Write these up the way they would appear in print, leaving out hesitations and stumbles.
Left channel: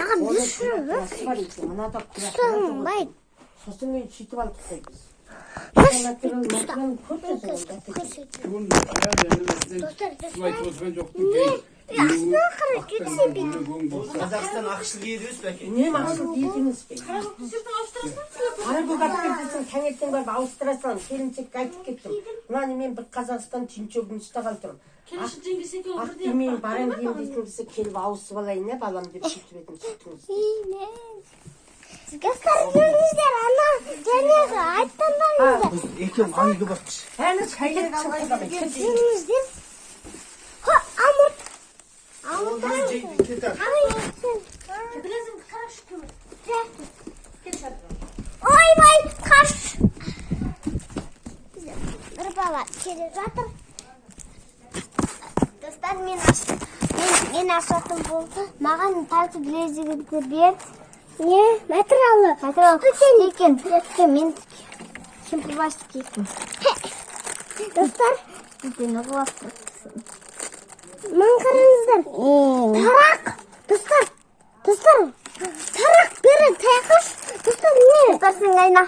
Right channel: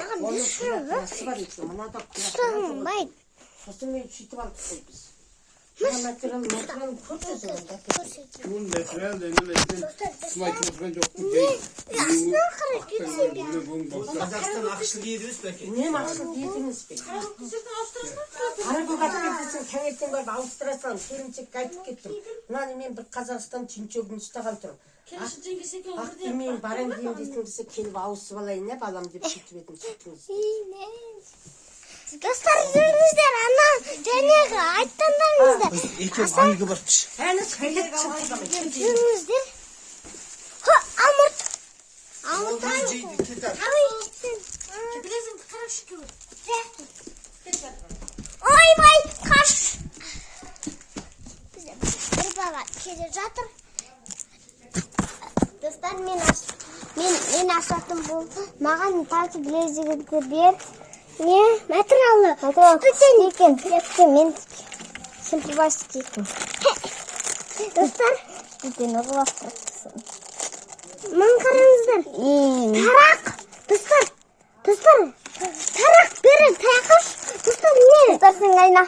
маған Насыбай екен, мынада сұранбайды. сосын мен сөйтіп алып қойдық. Қазақстан ақшыл ел емес пе әке? Не ақшыл ел емес пе? Қаракөк атпен десең таңертең барып ауыстыра салам. Келіншекке айтып кеттім. Мынаны мен бір Қазақстан түйіншегін ұстаған тұрмын. Ақтемейін барам дейін десең десе келіп ауысып алайын не балам деп сөйтіп едім сөйтіңіз. Достар, жүріңіздер, ана жәнегі айттыңдарыңыздар. Екеуі айығы бақпыш. Әні шәйгет шыққыдамын. Жүріңіздер. Алмат. Ойбай, қаш. Бір бала келе жатыр. Достар, мен ашатын болды. Маған тағы білезігімді бер. Не, материалы. Түкен екен. Мен симпливайсы екен. Достар, бізден ұғылап тұрсын. Мен қараңыздар. Тарақ. Достар. Тарақ берін. Таяқыш. Достар, не? Достар, сен айна.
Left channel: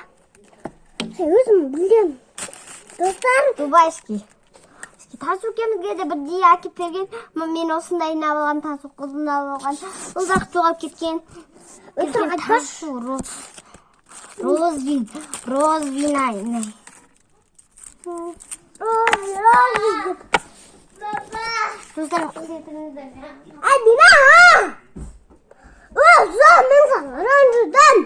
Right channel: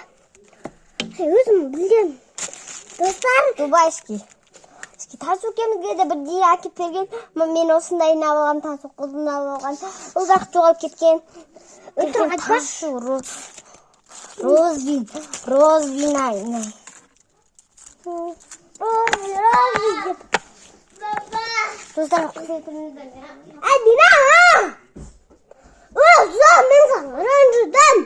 Өзім білдем. Достар. Дубайский. Тасу кемізге де бірдей әкеп берген. Мен осындай алып алған, тасу құлдың алып алған. Ұзақ жоғалып кеткен. Өтірік айтпашы. Розвин айна. Розвин деп. Достар, құлдетіңізден. Әдина! Өзі, мен саған ренжідім.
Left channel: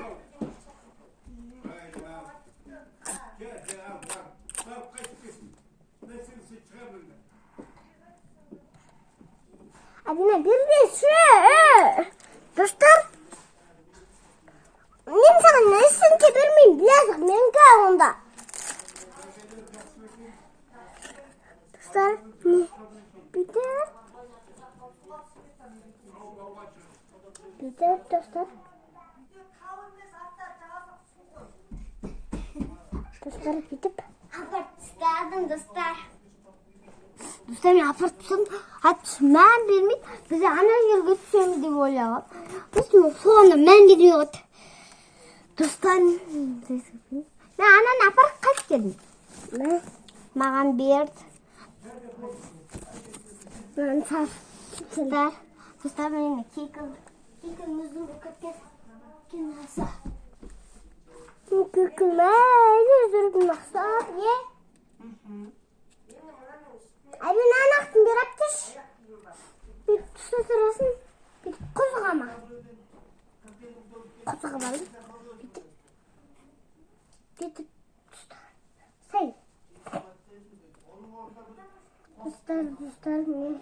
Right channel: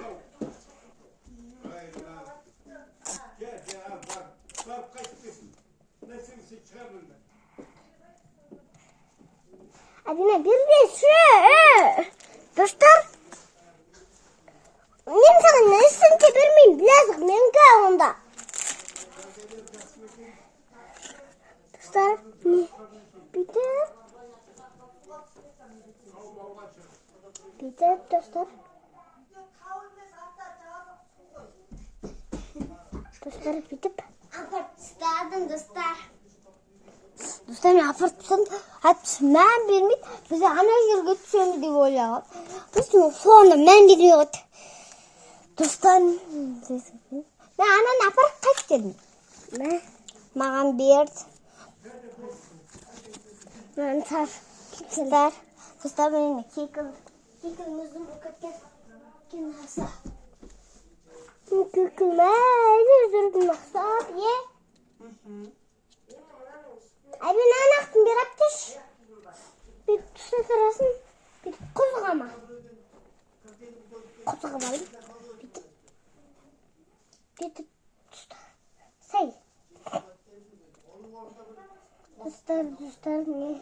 Әдина, бербеші. Достар, мен саған нәрсенге бермеймін, білезік, менгі онда. Достар, не? Битер, достар. Достар, битіп. Апарт тұстадым, достар. Достар, мен апарт тұстадым. Мән бермейді. Бізде ана жерге түсеміз деп ойлағам. Біз соны мән бермейді. Достар, мен ананы апарт қайт дедім. Маған берді. Мен сар. Достар, мен кекіл мүзім бүкітке кенаса. Кекіл мәйді жүрдің мақсат, е? Әбен анақтың бер аптеш. Бет түсі сұрасын. Бет құзғама. Құзғамайым. Бет түсті. Сәй. Достар, мен.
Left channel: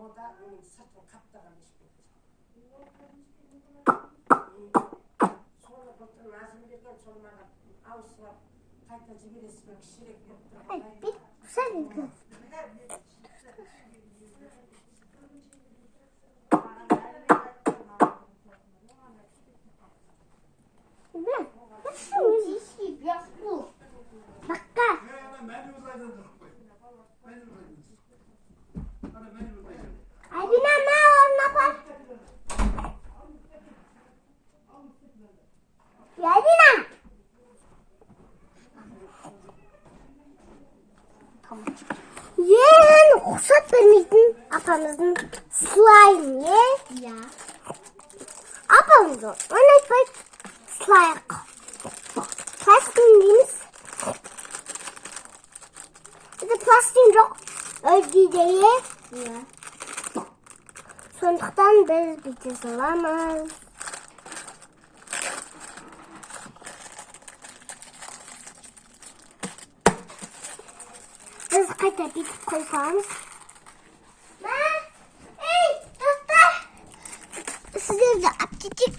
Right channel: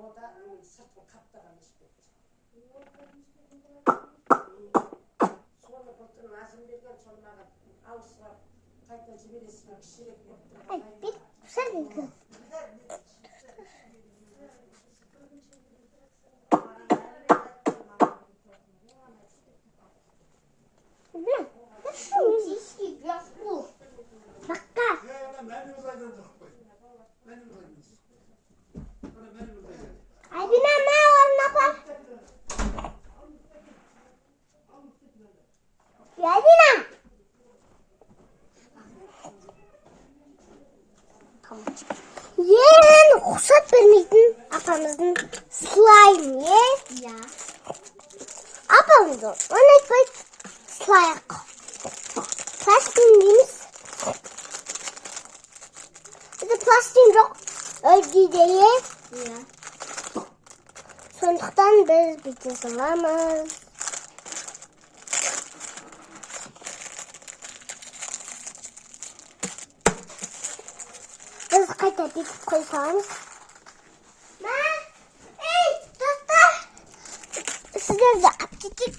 Мода менің сыртым қаптаған ешпетті. Соны бұлтын назым берген сол маған ауысырап қайта жібересімен кішірек беріп тұрып. Ай, бет құсады екен. Әбина, ма орын апар? Әбина! Ең құсат бермейтін апамыздың слайм, е? Я. Апамызды, оны айтпайды. Слайық. Пластин дейміз. Бізде пластин жоқ. Өйдейді, е? Я. Сондықтан біз бүйте саламыз. Біз қайта бетіп қой саламыз. Ей, достар! Сіздерді аптетик.